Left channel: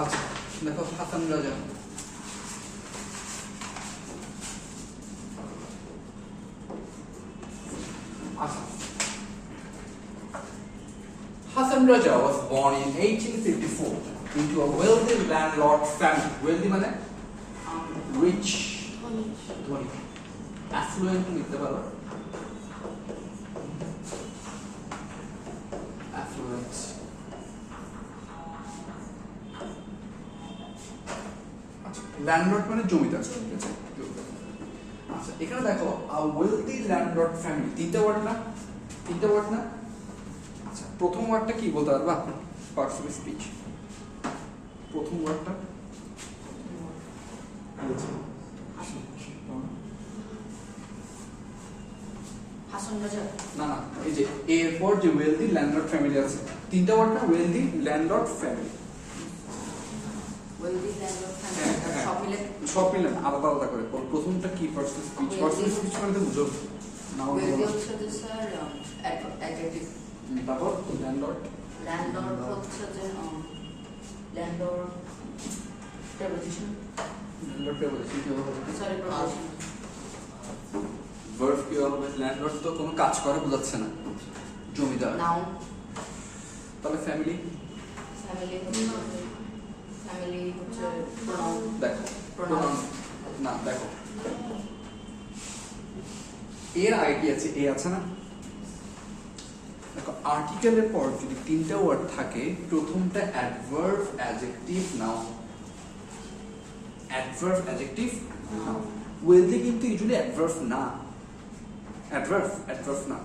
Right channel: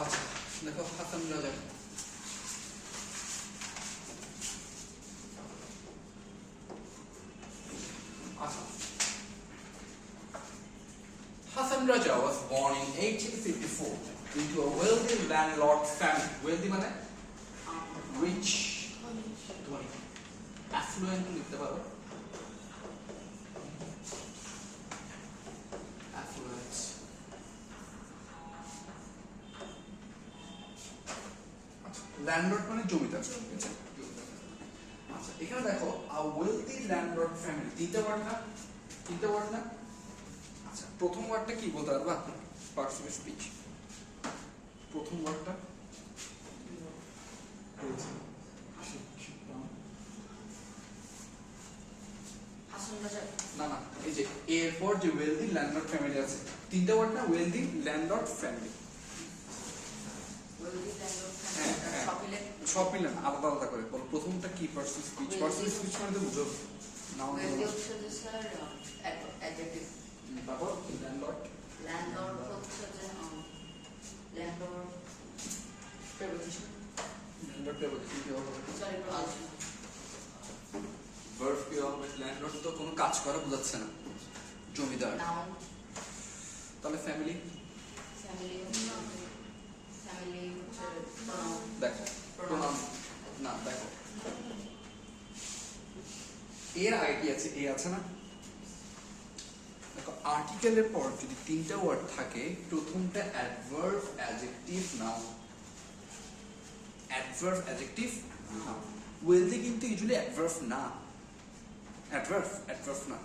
আচ্ছা দেখো হাসান রাজা Hassan Raja was born in 1854 into a wealthy landlord family. Wealthy মানে rich, ধনী, affluent লিখতে পারো, affluent. আচ্ছা ল্যান্ডলর্ড মানে জমিদার। আচ্ছা এখানে দেখো a wealthy landlord family তিনটা ওয়ার্ড না আচ্ছা প্রথম ওয়ার্ডটা কি বলতে পারবা পার্টস অফ স্পিচ প্রথম ওয়ার্ডটা না এই যে এরপর যে ওয়েলদি ল্যান্ডলর্ড ফ্যামিলি আছে তিনটা ওয়ার্ড না ওয়েলদি ল্যান্ডলর্ড ফ্যামিলি সব মিলে আলাদা আলাদা করে প্রথমটা কি পার্টস অফ স্পিচ মানে বুঝো নাও তারপর ল্যান্ডলর্ড হচ্ছে যে ল্যান্ডলর্ড প্রেপোজিশন কি হবে সরি প্রপোজিশন ভার্ব কি হবে ল্যান্ডলর্ড তো কোনো কাজ করে বোঝাচ্ছে না জমিদার নাউন তাহলে ফ্যামিলি হচ্ছে প্রোনাউন দেখো প্রোনাউন না দেখো এর আগে কি আছে এ আছে না দেখো আর্টিকেলের পর যদি তিনটা ওয়ার্ড থাকে প্রথমটা adverb adjective noun adverb adjective noun wealthy কিন্তু ইউজুয়ালি অ্যাডভার্ব না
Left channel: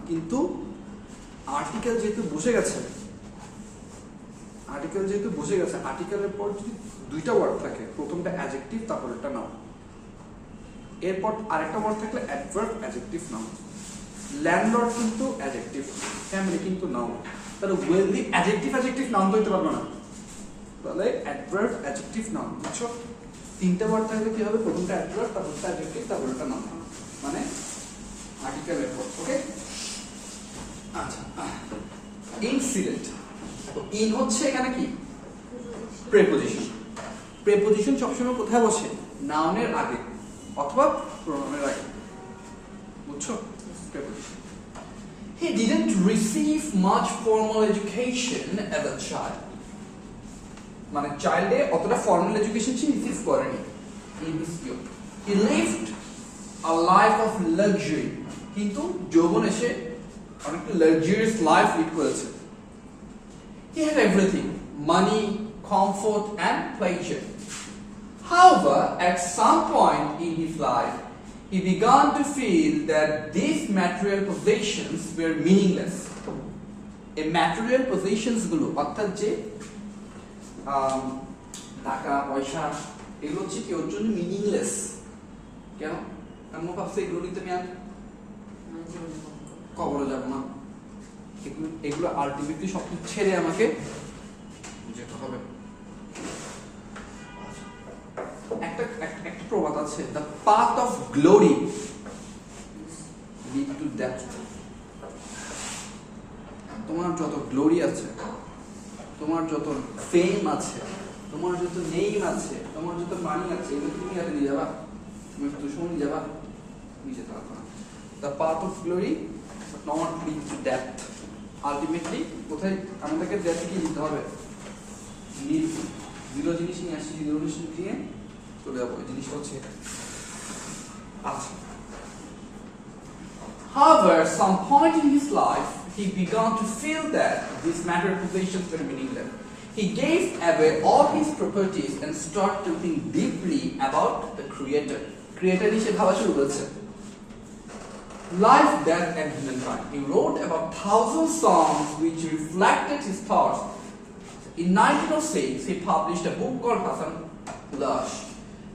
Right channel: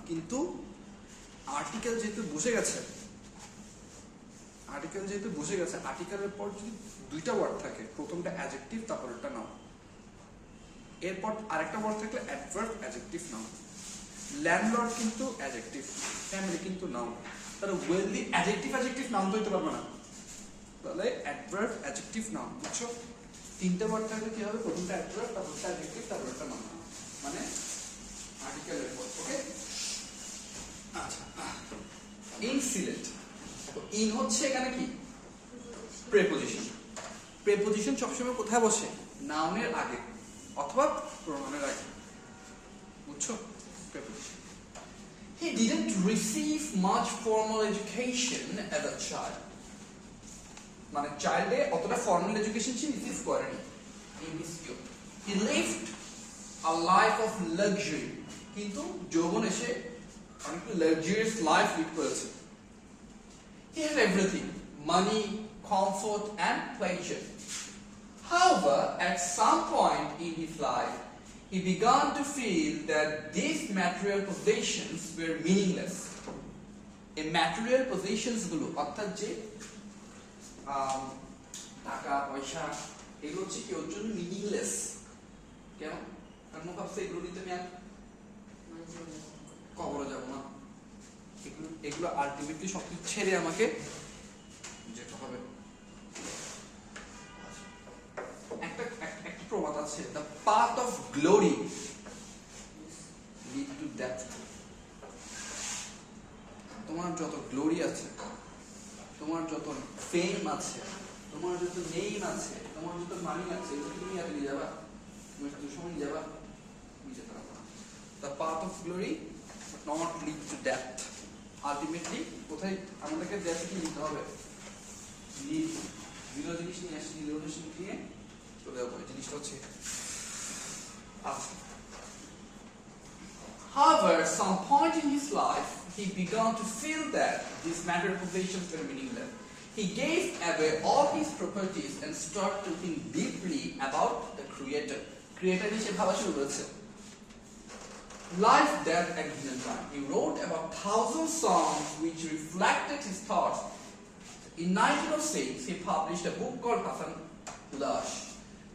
কিন্তু আর্টিকেল যেহেতু বসে গেছে আর্টিকেলের পর যদি দুইটা ওয়ার্ড থাকে প্রথমটা অ্যাডজেক্টিভ তারপরটা নাউন এরপর আরেকটা ওয়ার্ড থাকলে অ্যাডভার্ব অ্যাডজেক্টিভ নাউন ল্যান্ডলর্ড কিন্তু অ্যাডজেক্টিভ ফ্যামিলি কিন্তু নাউন তাহলে ওয়েলদি অ্যাডজেক্টিভ নাউন তো হইতে পারবে না তাহলে অ্যাডভার্ব অ্যাডজেক্টিভ নাউন বুঝছো তিনটা ওয়ার্ড থাকলে কি হবে প্রথমটা অ্যাডভার্ব তারপরটা অ্যাডজেক্টিভ তারপরটা নাউন মানে আর্টিকেলের পর ওকে আচ্ছা ইনসিডেন্ট ইন হচ্ছে এখানে কি প্রেপোজিশন সবসময় কোথায় বসে নাউনের আগে অথবা প্রোনাউনের আগে বুঝছো He didn't receive much formal education as a child মানে চাইল্ডে অতটা ফর্মাল এডুকেশন সে রিসিভ করেনি in his youth he lived a life of luxury কিন্তু যৌবন এসে অনেকটা লাক্সারিয়াস লাইফ লিড করেছে he had everything money comfort and pleasure however at some point in his life he began to feel that these material possessions were meaningless এই material possessions গুলো অর্থাৎ যে টাকা পয়সা এগুলো হচ্ছে কি ওর জন্য মিনিংলেস কেন কারণ ভাবছে এগুলো নিতে আমি আর কবরে যাব না এগুলো আলটিমেটলি সব ছেড়ে আমাকে যেতে হবে একটা প্রবাদ আছে the path of glory lead to death তোমার যত গ্লোরি আছে তোমার যত ফেম আছে তোমার যত নেম আছে তোমার যত মানি আছে এগুলো তুমি হাতে নিয়ে যাবা তুমি একটু সময় যাবা তুমি যেতে পারবে না the path of glory not lead to death ultimately কোথায় আমাদেরকে ডেথে কি নিতে হবে জিরো জিনিস নিয়ে আসছি জিরো জিনিস দিয়ে চলে যাবো এই জিনিসটা হচ্ছে আচ্ছা However, some point in his life, he began to feel that these material possessions were meaningless. He gave away all his properties and started to think deeply about the Creator. Creator is a life, death, and humankind. He wrote about 1,000 songs which reflected his thoughts. In 1906, he published a book called Hassan Lush.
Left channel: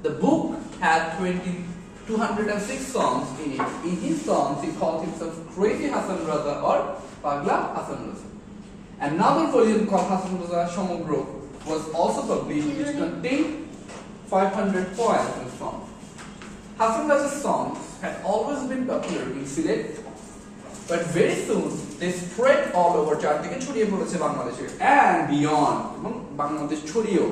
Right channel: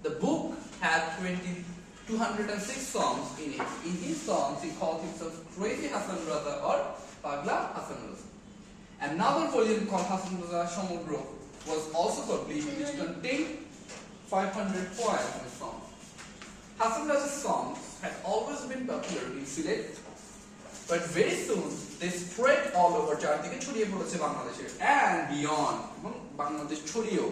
The book had 206 songs in it. In his songs, he called himself Crazy Hassan Raza or Pagla Hassan Raza. Another volume called Hassan Raza Shomogro was also published, which contained 500 poems and songs. Hassan Raza's songs had always been popular in Sylhet, but very soon they spread all over চারদিকে ছড়িয়ে পড়েছে বাংলাদেশে and beyond এবং বাংলাদেশ ছড়িয়েও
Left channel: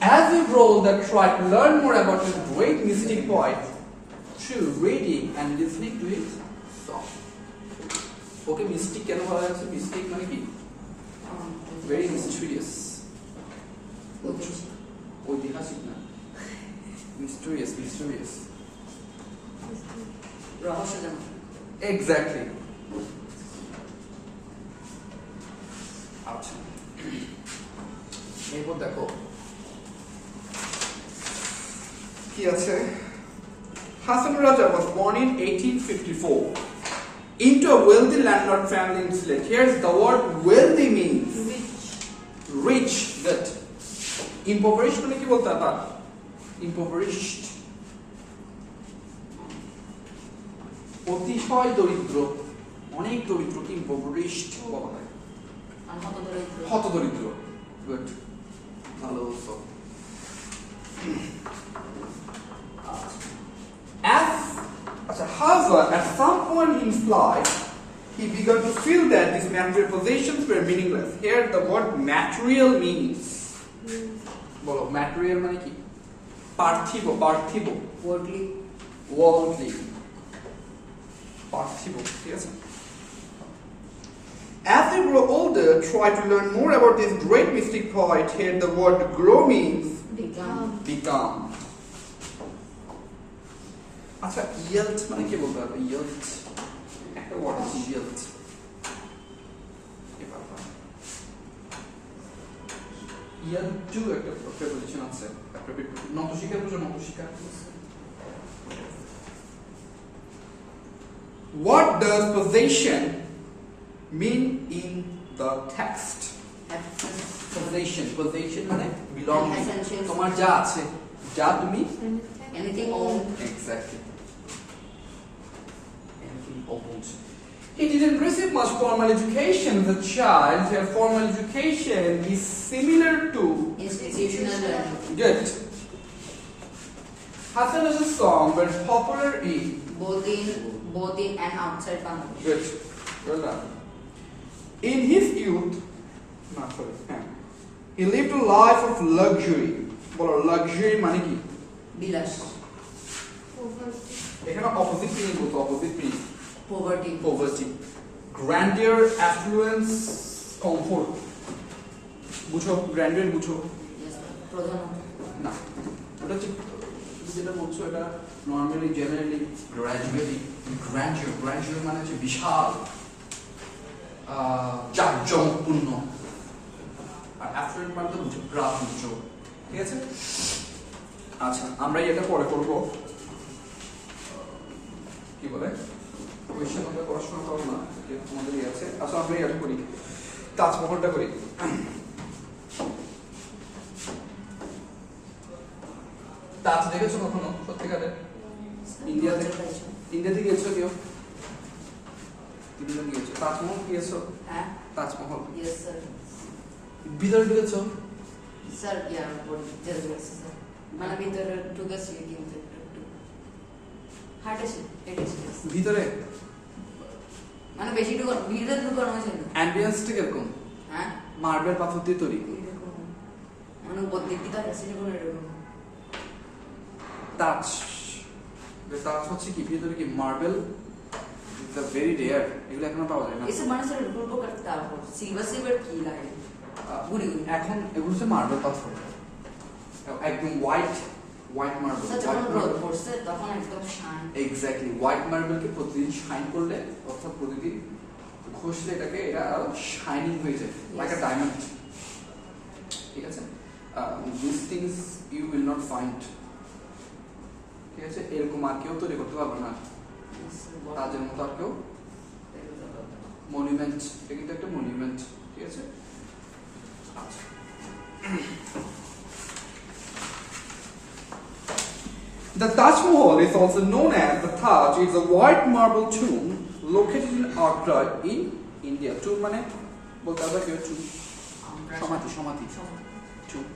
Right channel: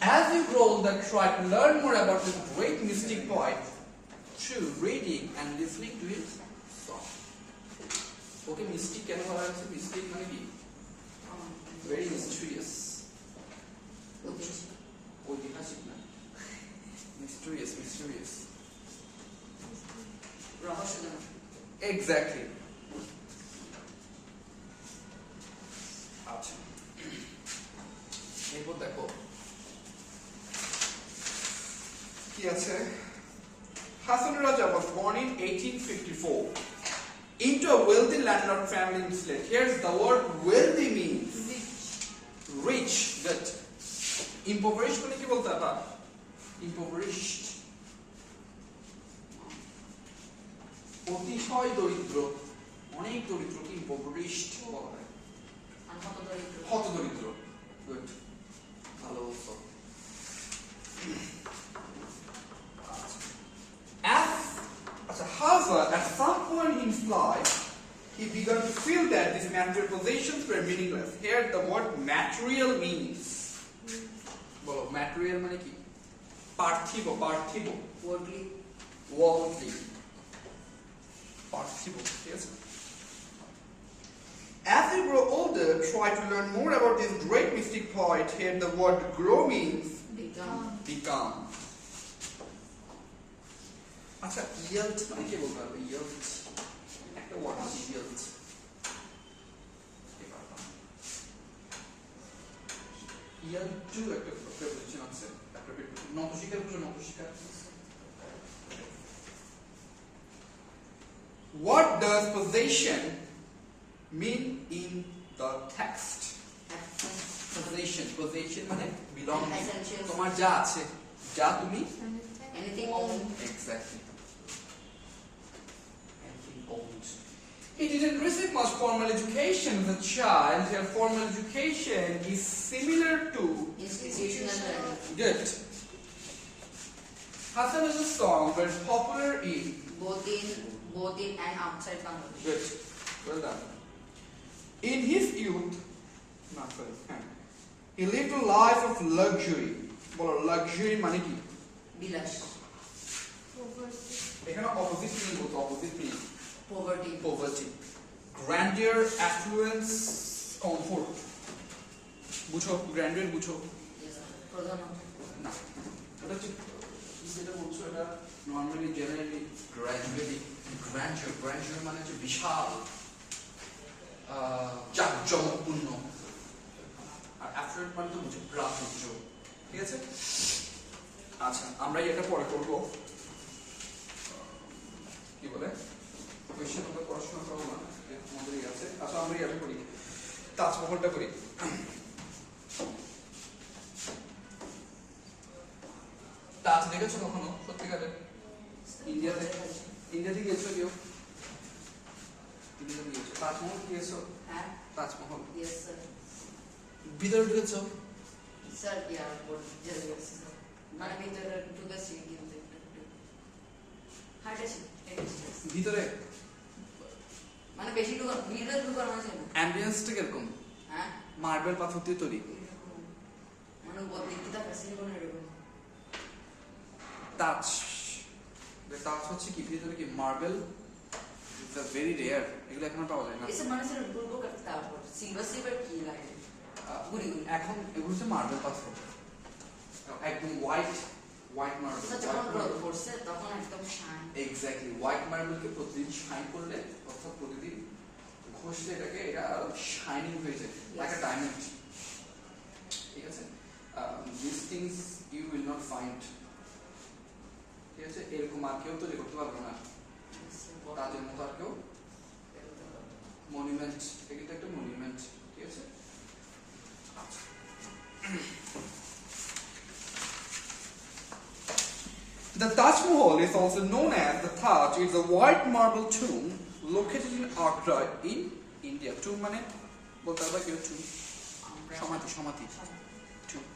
As you grow older, try to learn more about this great mystic poet through reading and listening to his song. Okay, mystic কেন বলা হচ্ছে? Mystic মানে কি? Very mysterious. ঐতিহাসিক না, mysterious. রহস্যজনক। Exactly. আচ্ছা, এরপর দেখো কি আছে। Hasan Raja was born in 1854 into a wealthy landlord family in Sylhet. Here's the word wealthy means rich. That impoverished মানে কি বলতে পারবা? Impoverished, অতিশয় দরিদ্র, অনেক দরিদ্র কি impoverished বলা হয়। হতদরিদ্র। Good. ভালো বলছো। However, at some point in his life, he began to feel that these material possessions were meaningless. Here, the word material means. বলো, material মানে কি? পার্থিব। Worldly. Worldly. পার্থিব, ঠিক আছে? As they grow older, try to learn more about this great mystic poet. Here, the word grow means become. আচ্ছা, yield মানে কি বলতে পারবে? Yield একটা ওয়ার্ড আছে, yield। Yield টু একটা প্রিপোজিশন আছে, একটা নতশিকার বুঝো, নতশিকার। What does possession mean in the text? Possession মানে belonging, তোমার যা আছে, যা তুমি Anything owned. Exactly. Anything owned. He didn't receive much formal education as a child. Here, formal education is similar to Institutional learning. Good. Hasan Raja's song were popular in Both in and outside Bangladesh. Good. Well done. In his youth, he lived a life of luxury. Bolo luxury মানে কি? বিলাস। এখানে opposite meaning বলতো, opposite meaning. Poverty. Grandeur, affluence, comfort. বুঝো, grandeur বুঝো? প্রধানত। না, ওটা হচ্ছে যেটা বলছো, এটা নর্মালি জেনারেলি গ্র্যাজুয়ালি মানে হচ্ছে বিশাল, জাঁকজমকপূর্ণ। আর অ্যাফ্লুয়েন্ট মানে তো বুঝো প্রাচুর্য, ঠিক আছে? আচ্ছা, আমরা এটা পরে করবো। কি বলে কোয়েশ্চেন আমরা পড়াশোনা করবো না, আমাদেরই আছে। আচ্ছা, আমরা এটা করি, তাজমহলটা করি। তাজ দেখেছো কখনো সত্যিকারের? ইন্ডিয়াতে গিয়েছো কেউ? ইন্ডিয়া গিয়েছো? তাজমহল গিয়েছো? হ্যাঁ। Taj Mahal Yes sir. ভিতরে ঢুকেছো? Sir, yeah, মানে ভিতরে ঢুকেছি কিন্তু একটু হাঁটেছি, ভিতরে মানে বেশি ভিতরে ঢুকানো হয়েছে না। অ্যাম্বিয়েন্সটা কিরকম? হ্যাঁ, মার্বেল পাথর দিয়ে তৈরি। মানে প্রত্যেকটা ফ্যাসিলিটি করে এরকম। তাজ হচ্ছে কি, ভিতরে কি মার্বেল, ভেরি রেয়ার, এগুলো এখনো পাওয়া যায় না। এসব মানুষের গল্প করতে হবে, সিলভার কি লাগে গুড়ি। এখন এগুলো হচ্ছে মার্বেল পাথর, একদম হোয়াইট মার্বেল। যখন রোদ পড়ছে তখন একদম শাইন। এক্স্যাক্টলি, হোয়াইট মার্বেলকে প্রতিদিন শাইন করলে, অর্থাৎ প্রতিদিন ঘষলে এটাকে, এটা আরো শাইনিং হয়ে যায়, লাইক আ ডায়মন্ড। ঠিক আছে? This things you will not find. ঠিক আছে? এরকম আর কেউ তৈরি করতে পারবে না, তাজের মতো আর কেউ। মনুমেন্ট, এটা কিন্তু একটা মনুমেন্ট। ঠিক আছে? The Taj Mahal is also known as the Taj. It's a white marble tomb located in Agra in India. Tomb মানে বলতে হবে কি? সমাধি। Tomb.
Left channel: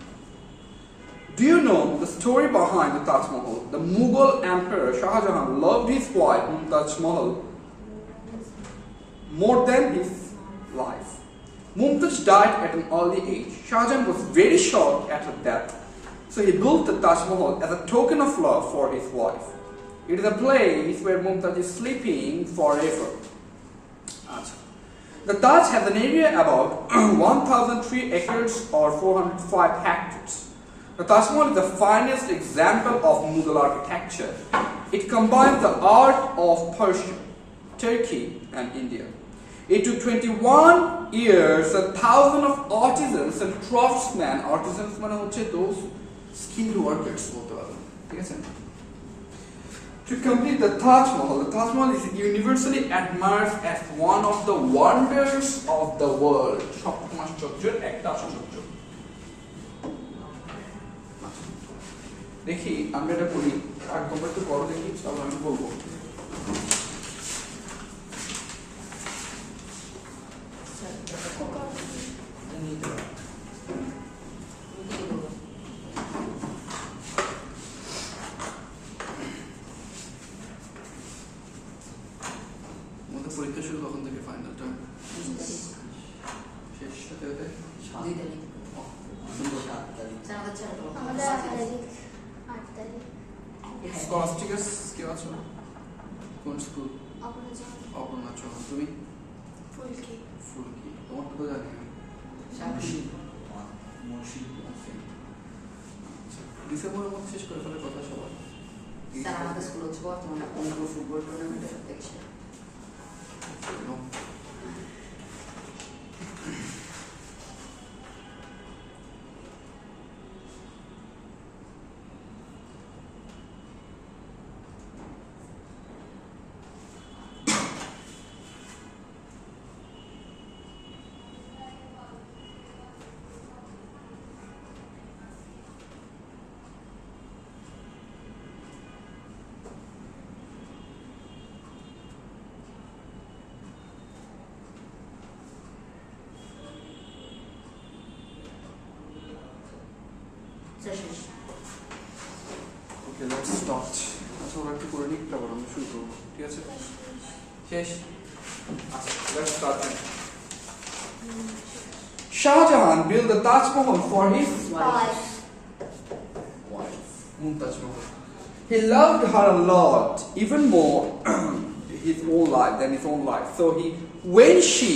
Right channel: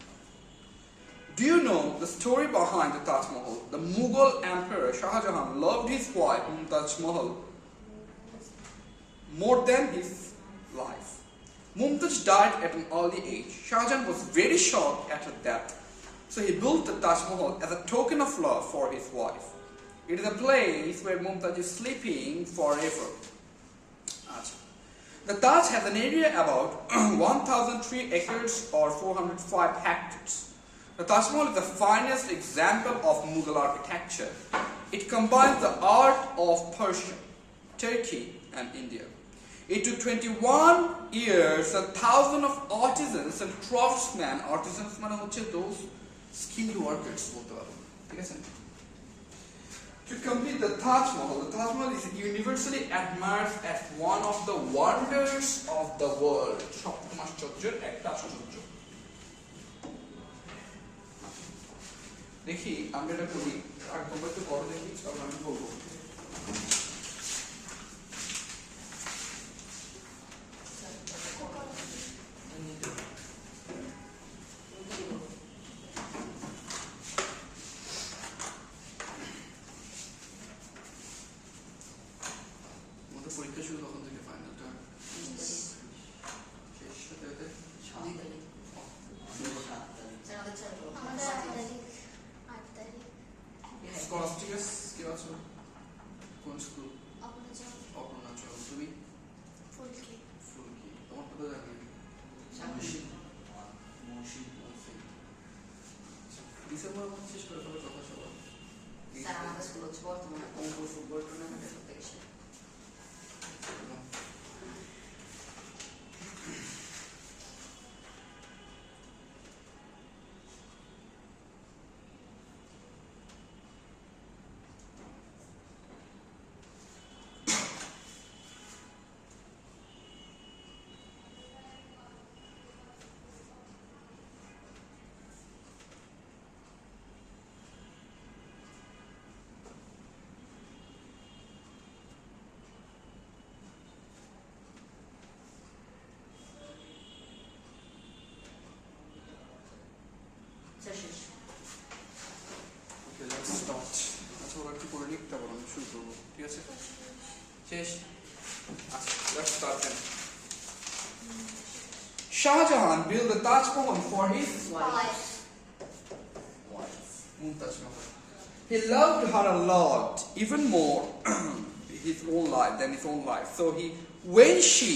Do you know the story behind the Taj Mahal? The Mughal Emperor Shah Jahan loved his wife Mumtaz Mahal more than his life. Mumtaz died at an early age. Shah Jahan was very shocked at her death. So he built the Taj Mahal as a token of love for his wife. It is a place where Mumtaz is sleeping forever. The Taj has an area about 1,003 acres or 405 hectares. The Taj Mahal is the finest example of Mughal architecture. It combines the art of Persia, Turkey, and India. It took 21 years and thousands of artisans and craftsmen. Artisans মানে হচ্ছে those skilled workers বলতে পারবেন, ঠিক আছে? To complete the Taj Mahal. The Taj Mahal is universally admired as one of the wonders of the world. সপ্তম আশ্চর্যের একটা আশ্চর্য। দেখি আমরা এটা করি, আর তোমরা একটু করো দেখি, তারপর আমি বলবো। পরীক্ষা শুরু কখন থেকে? ফাইনালটা শেষ হতে হতে স্কলাস্টিকাস কেউ আছো? কোন স্কুল? অপর্ণাচল। তুমি? ফুলকি। তোমার তো জানি ডিসেম্বরের মধ্যে শেষ করে ফেলার কথা সবাই। আমাদের স্কুল হচ্ছে বর্তমানে অঙ্ক ফুটবল টুর্নামেন্ট দেখছে। Okay, let's start. আচ্ছা ওরা একটু করে লিখতে পারো, আমি শুরু করবো, ঠিক আছে? শেষ। Let's start then. Shah Jahan built the Taj Mahal for his wife, Mumtaz Mahal. He loved her a lot, even more his own life than his own life. So when she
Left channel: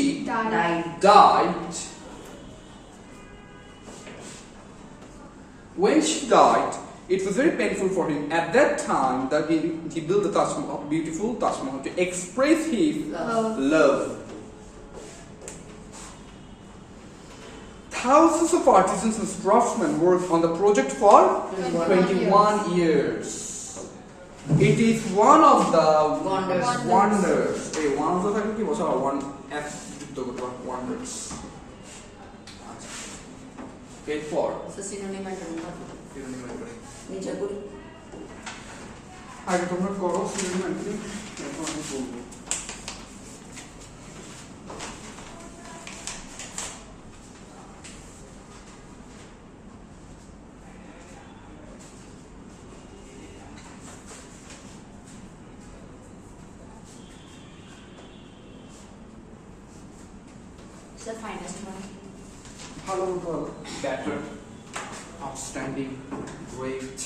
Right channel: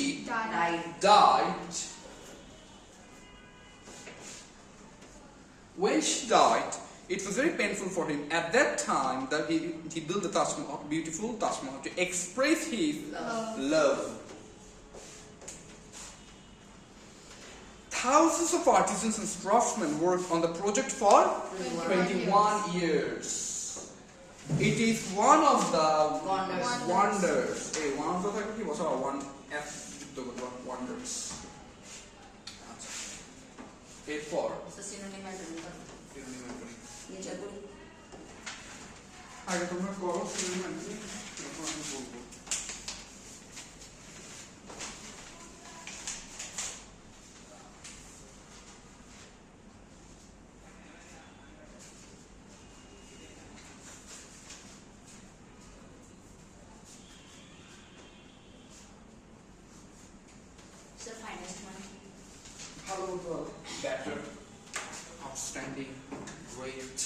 died, it was very painful for him at that time that he built the Taj Mahal, beautiful Taj Mahal, to express his love. Thousands of artisans and craftsmen worked on the project for 21 years. It is one of the wonders. Hey, one of the one F wonders. Wait for. আগে তোমরা করো সিনেমাটি, এখন আমি বলবো। ভালো বলতে হবে, better, outstanding, great.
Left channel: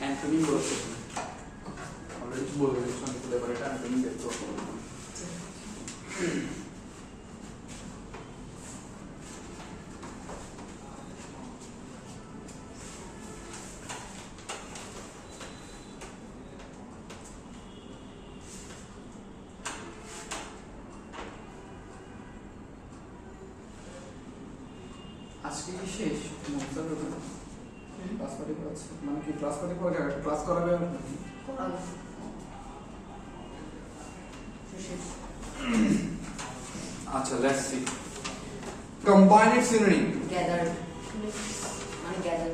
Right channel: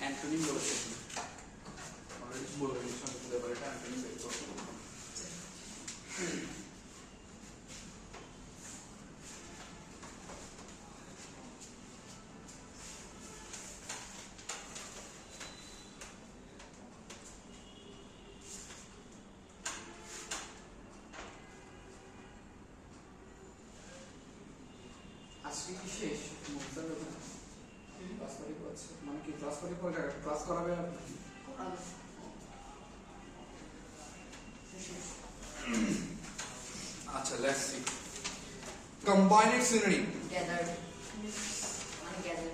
অ্যান্টনি বলেছে, অলরেডি বলে দিয়েছি আমি, এবার এটা অ্যান্টনি বের করব। আজকে কি শেষ? ক্লাস করে করাচ্ছে, মানে কি ক্লাস করে ক্লাস করাবে? আচ্ছা, let's see. Combined synonym gather, মানে গ্যাদার।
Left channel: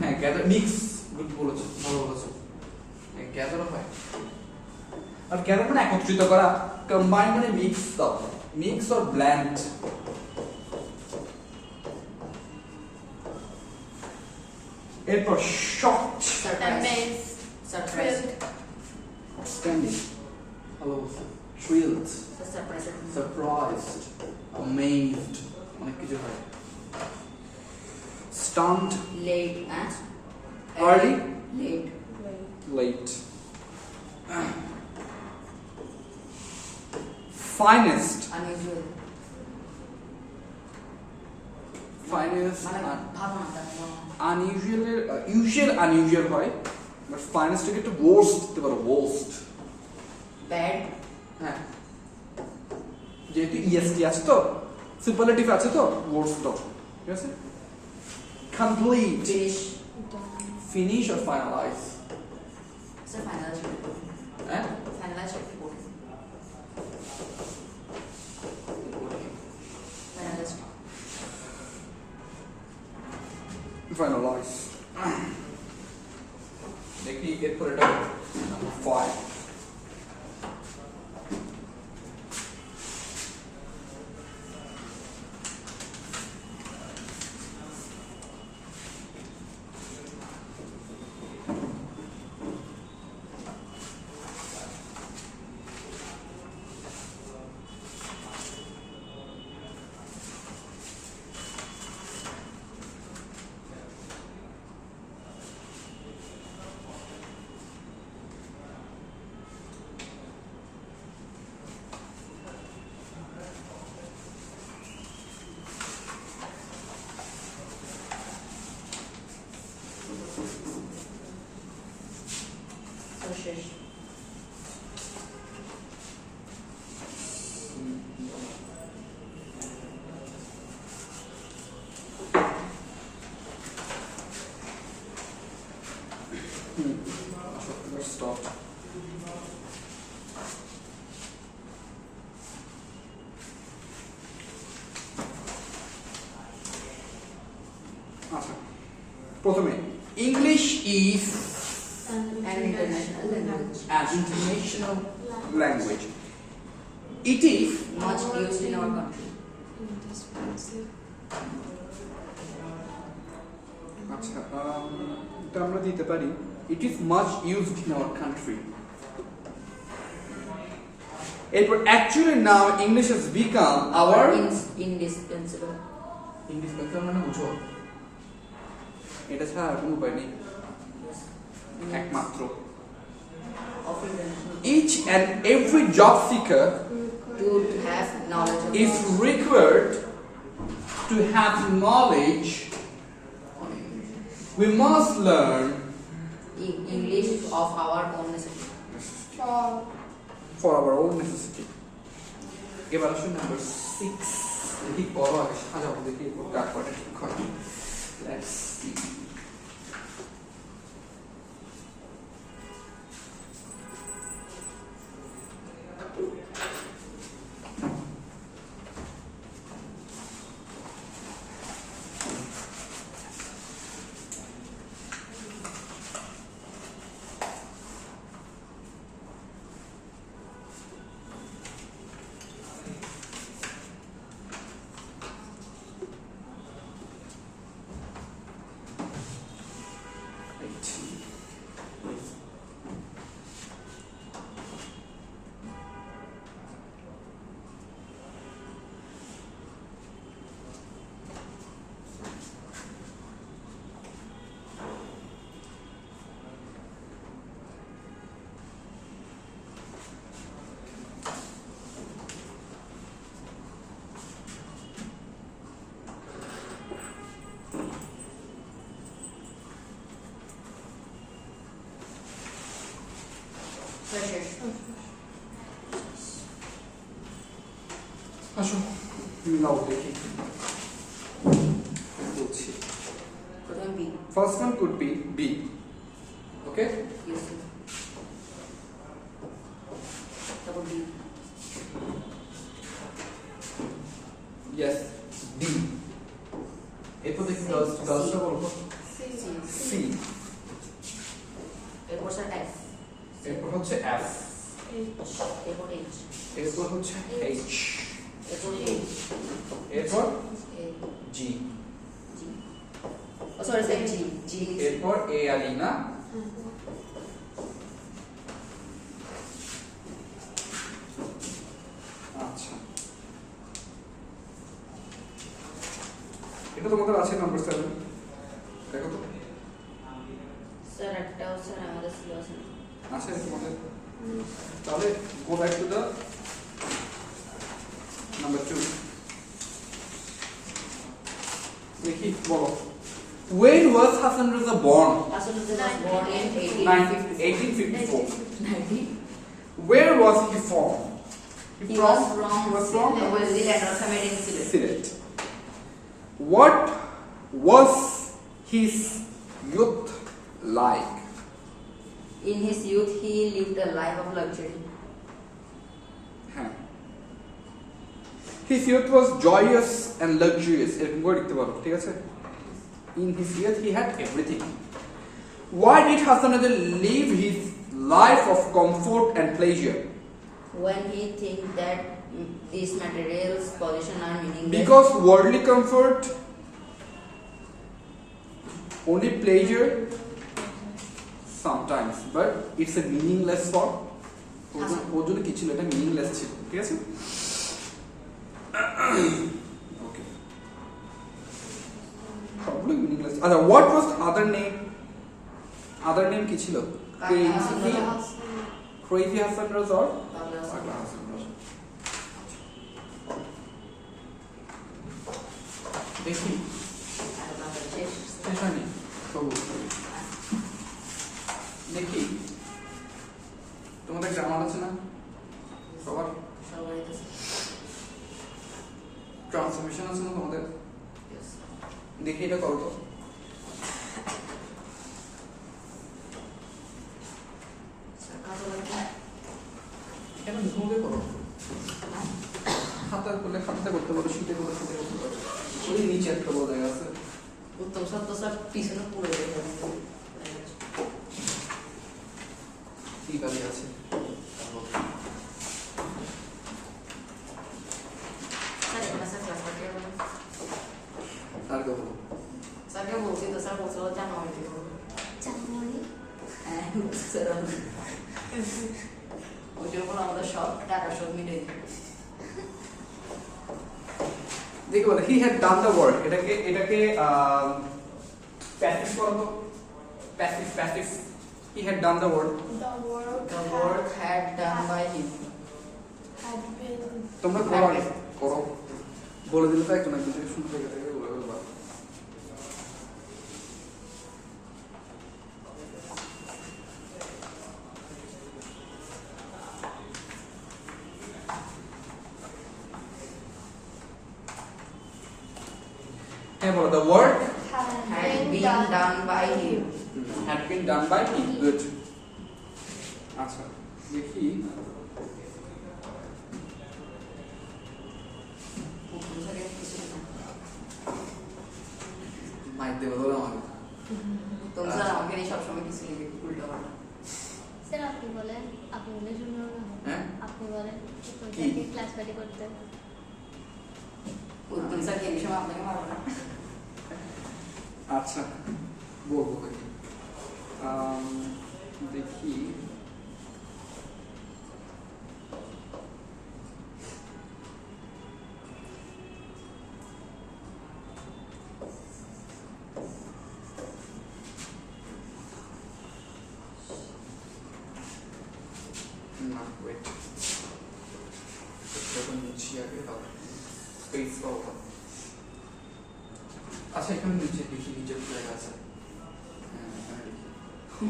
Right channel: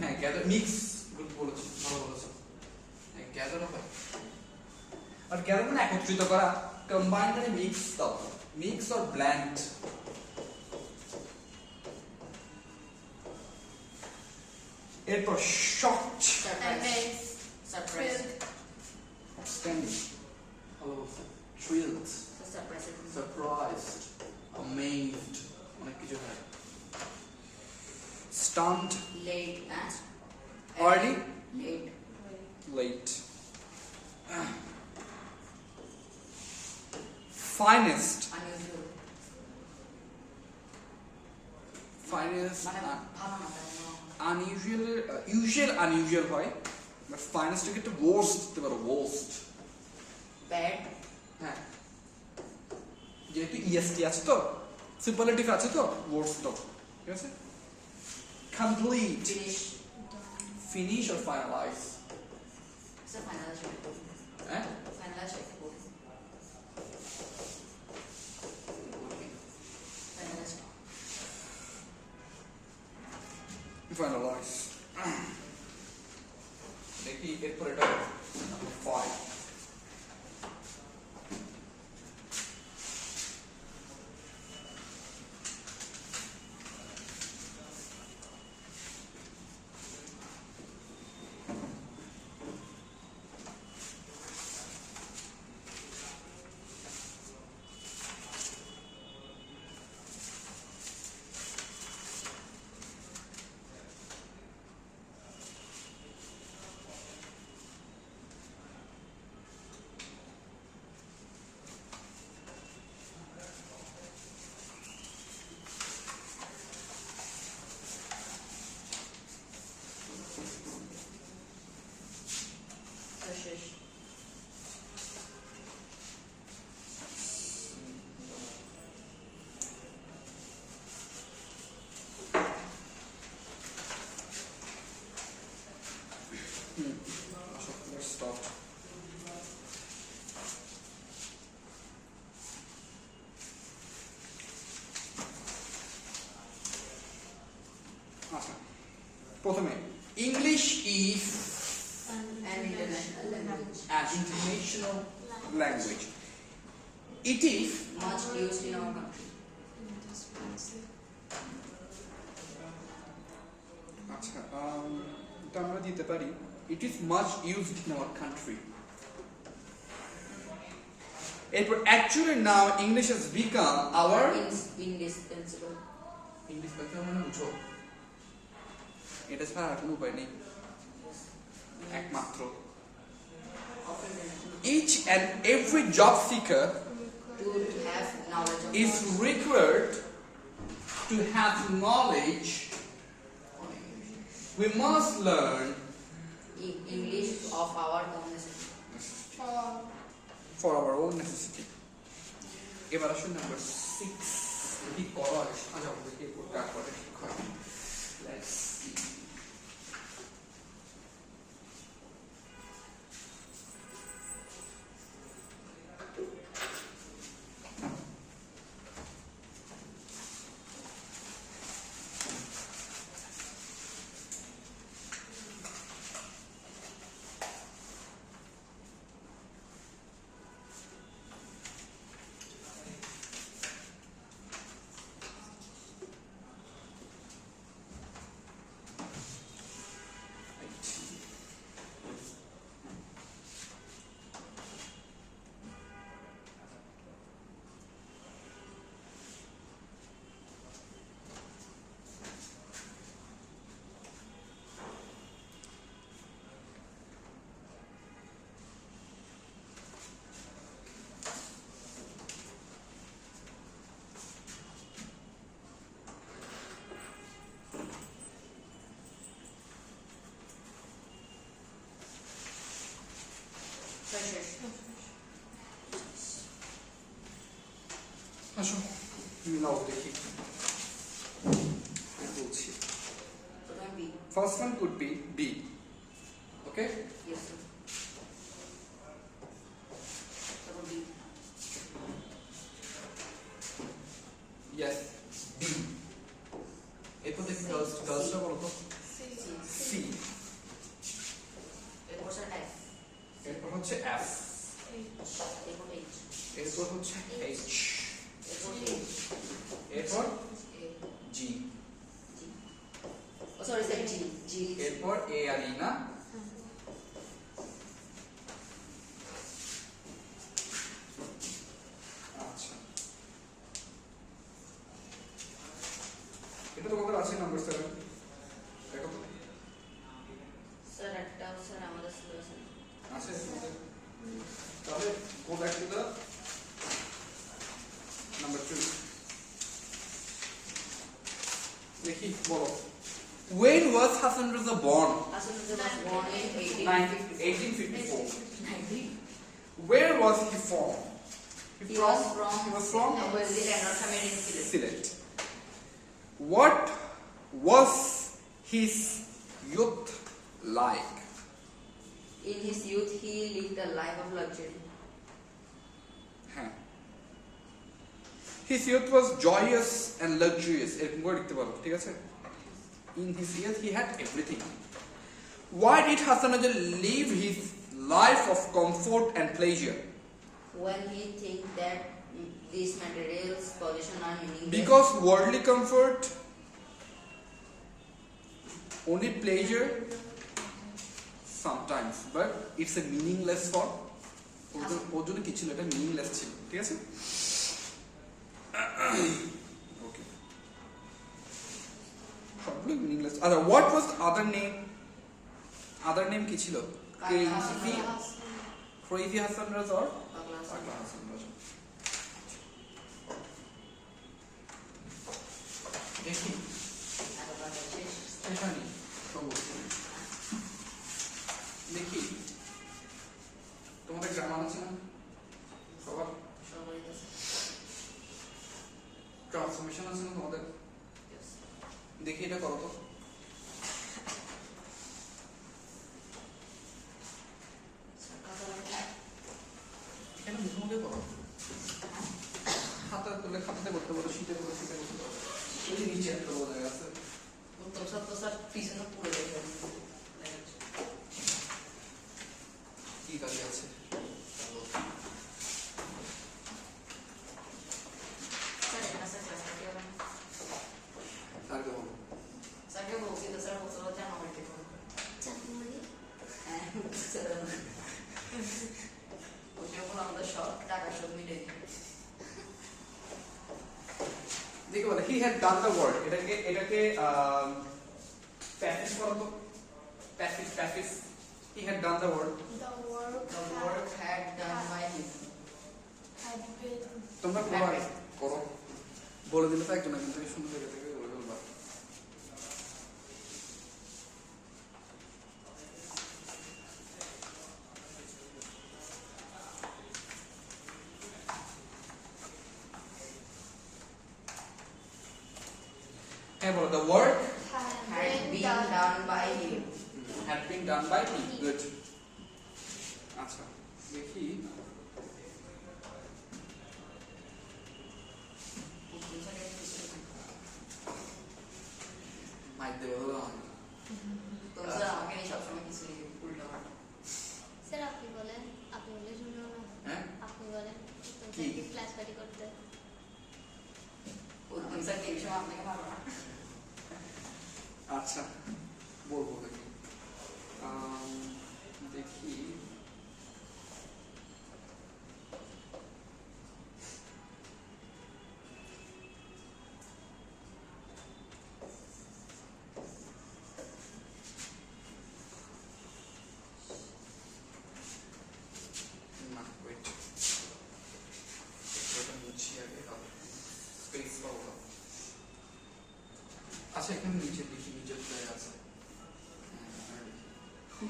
হ্যাঁ, গ্যাদার, মিক্স, গুড বলেছো, ভালো বলেছো। গ্যাদার হয়, আর গ্যাদার মানে একত্রিত করা, কম্বাইন্ড মানে মিক্স দাও, মিক্স অর ব্লেন্ড। এরপর শকড, সারপ্রাইজড, আউটস্ট্যান্ডিং, ভালো, thrilled, surprised, amazed, অনেক কিছু হয়। Stunned, late and early, late. late. Finest, Unusual. finest, মানে ভাবো না তার unusual, usual unusual হয়, but finest থেকে একটু worst দিতে পারো, worst. bad, হ্যাঁ, যেহেতু EST আছে তো, superlative আছে তো, worst তো, ঠিক আছে? Complete, finish. finish or finalize. Sir, finalize report. হ্যাঁ? Finalize report. Finalize. Finalize. দেখি এরপর এটা Number 5. So, শেষ। Let's start. আচ্ছা, প্রথমে English is An international language. an international language. It is Much used in our country. আচ্ছা, এটা আমরা দিতে পারি it is much used in our country. এরপর actually now English has become our Indispensable. ইন্ডিসপেন্সাবল মানে বুঝো এটা ছাড়া আর কোনো উপায় নেই, একমাত্র। Each and every job seeker To have knowledge of is required to have knowledge. We must learn English of our own necessity. for our own necessity. এবার আসুন নাম্বার 6 কি করো আগে সাজাবো দেখি এরপর কাট করে ঠিক হয়। Let's see. শেষ। আসুন মিলাও দেখি বলছি। প্রথমে B. First one could be B. Okay? Yes. তারপর B. Yes. D. এরপর দেখি গার্লসটা বলো তো C. এরপর স্যার F. এরপর হচ্ছে F. এরপর H. এরপর হচ্ছে H. এরপর A. এরপর A. G. G. ও সরি স্যার G. G. এরপর A আর E না? আচ্ছা। এটা তোমাদের আছে নাম্বার 7 দেখো তো স্যার একটাও স্যার আমাদের সিলেবাসে নেই। আছে তোমাদের তাহলে go back to the number 2 দেখি বলো when was Hassan Raza born আসলে যে was born in 1854 90. where was he from He was from Zealand or somewhere in Zealand. Silet. What was his youth like? In his youth, he lived a life of luxury. হ্যাঁ his youth was joyous and luxurious এরকম করে লিখতে পারো ঠিক আছে in his youth he had everything why did Hassan Raza live his life of comfort and pleasure When he thinks that these materials position are meaningless. because worldly comfort only pleasure sometimes but it's a meaningless for ওর জন্য কি ছিল এটা মিনিংলেস ছিল ঠিক আছে ওকে সবগুলো মিনিংলেস আচ্ছা what was আদার নেম কি ছিল ক্রেজি হাসান রাজা or পাগলা হাসান রাজা দেখি স্টেফানি সবুজ দেখি তোমাদের গ্রামার আছে না সবার ট্রান্সফরমেশন আছে না তোমাদের দেখি এটা করো তো কেন মুখে করো খাতায় করলে খাতাতে করতে পারো শীতে করলে শীতে করতে পারো ওই নিচে একটা বলা আছে উত্তম ছাত্র স্যার পিছনে পড়ে গেছে কি কাজে আছে স্যার এটা স্যার ক্লাসে আর কেউ বলো স্যারকে বলছি তো স্যার বলছিল জানুয়ারিতে করবো জানুয়ারি হ্যাঁ স্যার ওই জন্য আমাদের সব টাকা সব মিলে দেখো বলে he had done the work এটাকে প্যাসিভ করো তো passive he had done the work the work The work had done by him. had been তোমরা করো আগে করো বলে দিলে তো একজন একজন থেকে শুরু থেকে থেকে বলে বলবা হ্যাঁ বলো the work Had been done by him. had been done by him good আচ্ছা দেখি মাইক দেবে বলো আমাকে তো স্যার আমাকে নিয়ে সবসময় কিছু লিখে উল্টো পাল্টা স্যার আপনি বলেন আপনি বলে শুনলাম হ্যাঁ আপনি বলেন কি? ক্লাস পার্টি করতে উত্তম স্যার কি বিষয় আপনাকে মারবো না আচ্ছা বলবো দেখি দেখি না ওয়েট এটা নিচে আগে হবে স্পেস পাবো আচ্ছা এখানে নিচে দেখি নিচে জায়গা আছে হ্যাঁ এখানে দেখি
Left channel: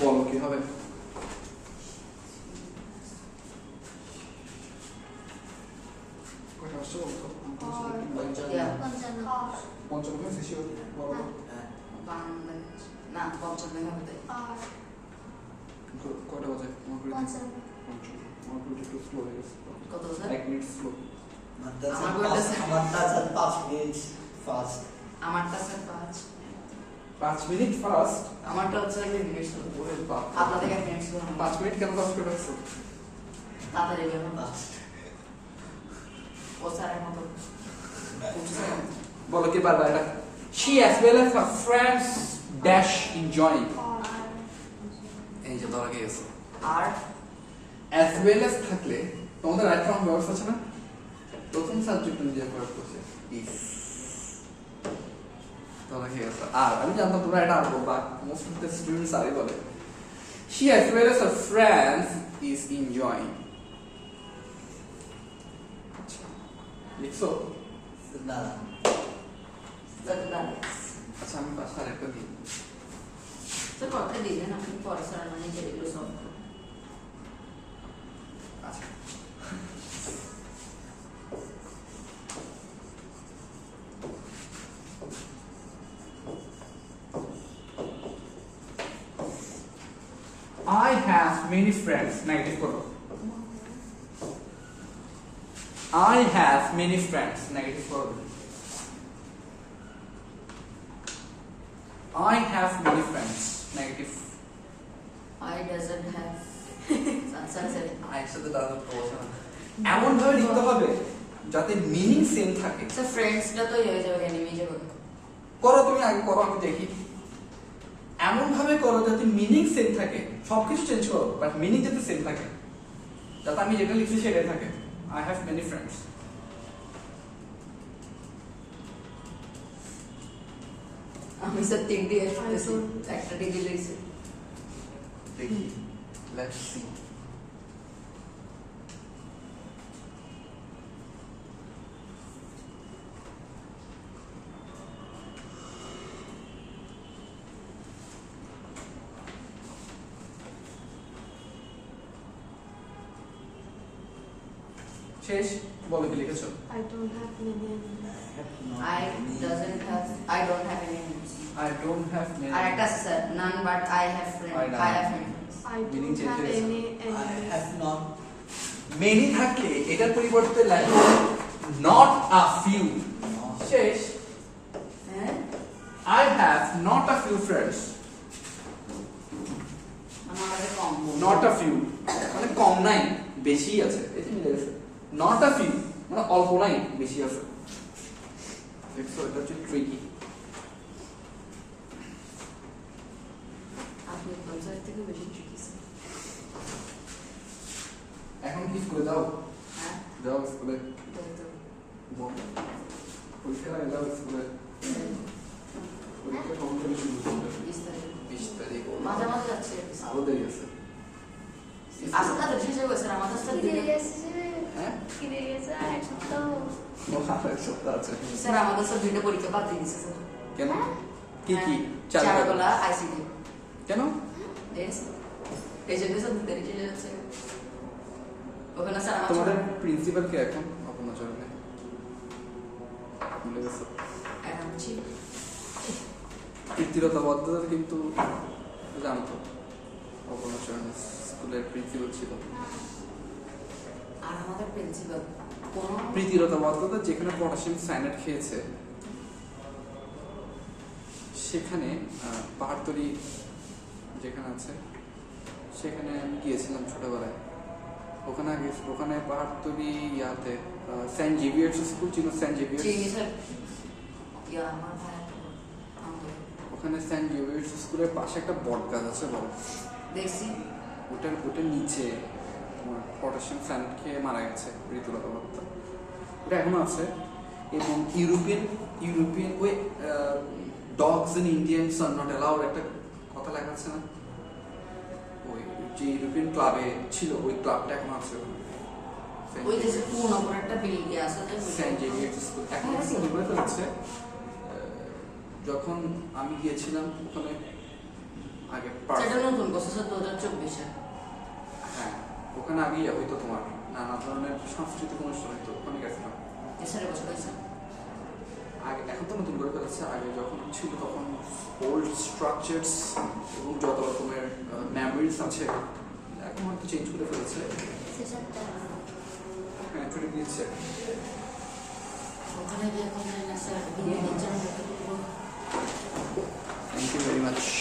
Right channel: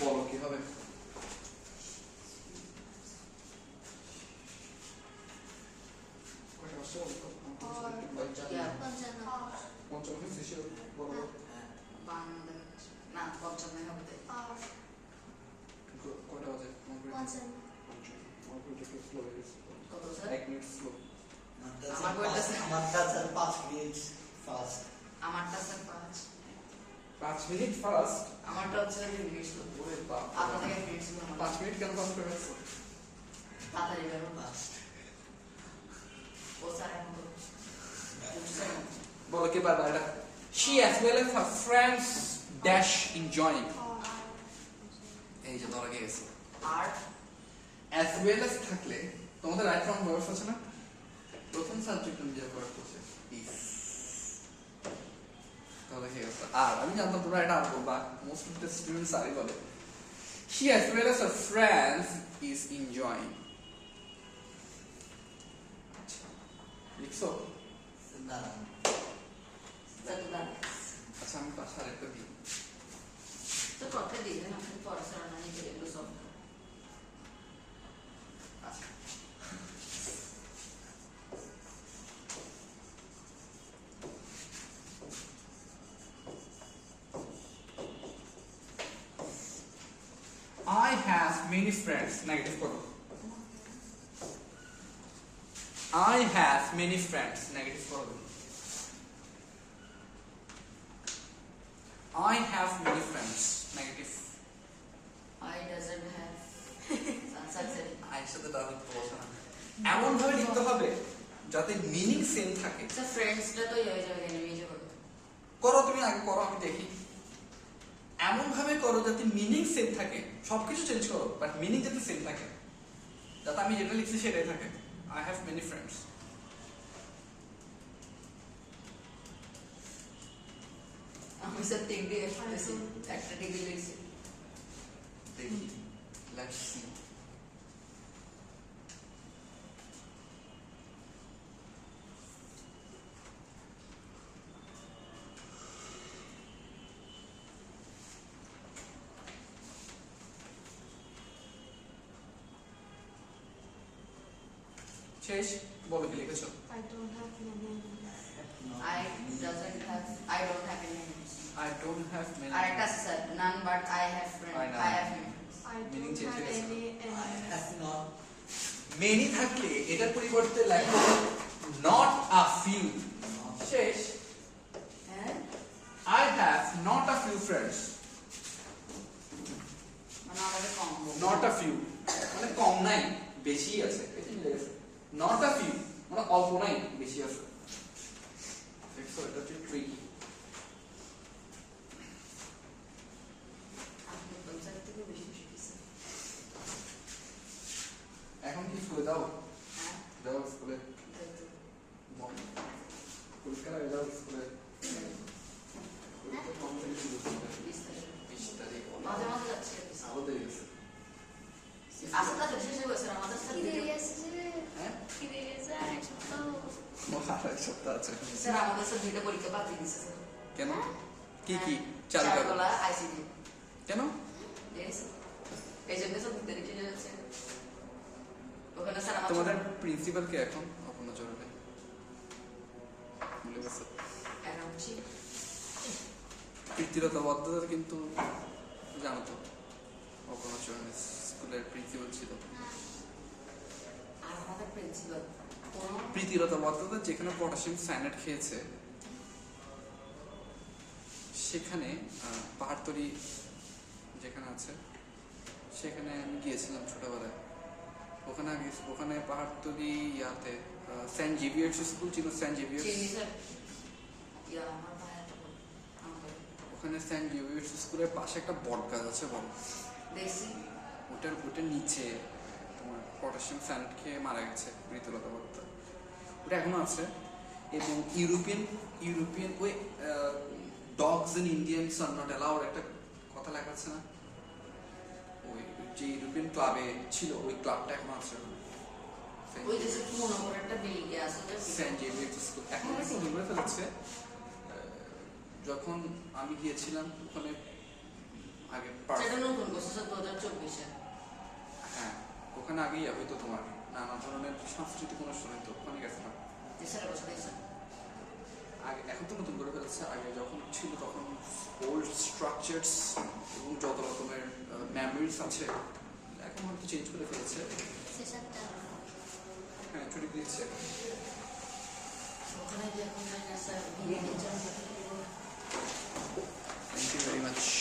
বলো কি হবে কয়টা আসছে বলো তো? Yeah. পঞ্চম শেষে বলো তো। বাংলাদেশ না পঞ্চম দেখা হতে কিন্তু কয়টা বাজে আমার ঘড়িতে? পঞ্চম আমার ঘড়িটা একটু স্লো হয়ে গেছে কত স্যার 1 মিনিট স্লো আমার ঘড়িটা আমার কাছে 5 মিনিট ফাস্ট আমারটা স্যার 5 5 মিনিট ফার্স্ট। আমারটা হচ্ছে 2 মিনিট ছিল ওরে বাপ, আপনাদের 1 মিনিট ছিল 5 মিনিট কেন ফার্স্ট করে রাখছো? তাড়াতাড়ি গেল ফাস্ট ও স্যারের মতো বলো কি বারবার এটা। She as well as her friends dash enjoying. এই যে ধরা গিয়েছে। আর As well as থাকলে তোমাদের রাইট ফর্ম ভার্বস আছে না? প্রথম সাবজেক্ট অনুযায়ী ভার্ব করছে is। ধরা গিয়েছে। আর আমি জানতাম তোমরা এটা আর বলবা, মোস্ট অফ দ্য স্টুডেন্টস আরই বলে। She as well as her friends is enjoying. লিখছো? দাদা দাদা আচ্ছা আমি পাঁচটা আরেকটা দিই। তো কথা দিলেন আপনি পরে স্যার মানে যেগুলো সব আচ্ছা I have many friends. Negative করো। I have many friends. Negative করো। I have many friends. Negative. I doesn't have sir I said the other person. এমন ভাবে লিখতে হবে যাতে মিনিং সেম থাকে। স্যার ফ্রেন্ডসটা তো হয়ে যাবে এনিমি যাবে করো তুমি আগে করো, আমি দেখি। এমন ভাবে করো যাতে মিনিং সেম থাকে, সবকিছু চেঞ্জ করো বাট মিনিং যাতে সেম থাকে, যাতে আমি যেটা লিখছি সেটাই থাকে। I have many friends. আমি স্যার 3 দিয়ে এসেছি একটা ডিগ্রি লইছি দেখি, লেটস সি। শেষ, বলো কি লিখেছো? I don't have many enemies. I don't have any enemies I don't have many. আর একটা আছে sir none but I have friends I know. I have friends I Meaning don't have changes. any enemies. not. Many থাকলে এটার পরিবর্তে লেখো not a few। শেষ। হ্যাঁ I have not a few friends. আমাদের কম Not a few মানে কম নাই, বেশি আছে। এটা মিলে গেছে। Not a few মানে অল্প নাই, বেশি আছে। দেখছো এটা হচ্ছে ট্রিকি। আপনি কোন স্যার থেকে বেশি শিখেছেন এখন কি স্কুলে যাও? হ্যাঁ যাও স্কুলে। তো বল। পরীক্ষা আগে যাও স্কুলে। পরীক্ষা কখন থেকে শুরু হবে? 20 তারিখ। মাঝে মাঝে যাচ্ছে আরো দেরি আছে। আসলে তো শেষ হয়ে গেছে আমাদের স্যার কি দিয়ে গেছে? হ্যাঁ? কি দিয়ে গেছে? এক সপ্তাহ। এক সপ্তাহ আছে। স্যার আমাদের স্যার 2টা পরীক্ষা বাদ দিয়ে দিয়েছে স্যার কেন? কি কি? চারুকলা আইসিটি কেন? দেখেছেন এই জন্য স্যার 2 তারিখে যাচ্ছে ওখানে স্যার আমার তোমাদের প্রিন্সিপাল কে এখন? আপনার চলবে। মিলে গেছে। এখন হচ্ছে কৃতিরতাবদ্ধতা কিন্তু জানতো। আপনার স্কুলের প্রিন্সিপাল ছিল। আর আমাদের প্রিন্সিপাল কোন প্রীতিরতাবদ্ধতা যেখানে পটাশিয়াম সায়ানাইড খেয়েছে সেখানে পাহাড়তলি যেখানে আছে সেখানে আমি গিয়েছিলাম ছোটবেলায়। ওখানে পাহাড়তলি ইয়াতে সেন্ট জেভিয়ার্স স্কুল ছিল। সেন্ট জেভিয়ার্স চিনি স্যার ইয়া আমার ভাই ওখানে সেন্ট জেভিয়ার্স স্কুলের পাশে একটা বট গাছ আছে, বড়। দেখছি ওটার নিচে পটাশিয়াম সায়ানাইড খেয়ে মারা গেছে প্রীতিরতাবদ্ধতা। ওটা এখনো আছে। এবং ইউরোপিয়ান ওই dogs in Indians are not allowed একটা কথা লেখা আছে না, ওই যে ইউরোপিয়ান ক্লাবে ছিল ওই ক্লাবটা এখন আছে। ওই দেশে পুরনো করে একটা বিল্ডিং আছে যে সেন্ট জেভিয়ার্স স্কুল এখন আছে, বলে ফেলেছে। যখন আমি গিয়েছিলাম ওখানে আগে সেটা নতুন করছে স্যার 2024 হ্যাঁ ওখানে আগেই হয়তো তোমার নানা ধরনের সাংস্কৃতিক অনুষ্ঠান হতো, ওখানে গেছিলাম। দেশের বছর হয়েছে আগে এখন তো নতুন করে ফেলেছে, আগে যখন ছিল তখন ওল্ড স্ট্রাকচারস এবং যত রকমের মেমোরিজ আছে এখন হয়তো চেঞ্জ করে ফেলেছে। সেটা হ্যাঁ ছুটি দিচ্ছে। ওখানে গিয়ে এখন স্যার বিয়ে দিচ্ছেন much.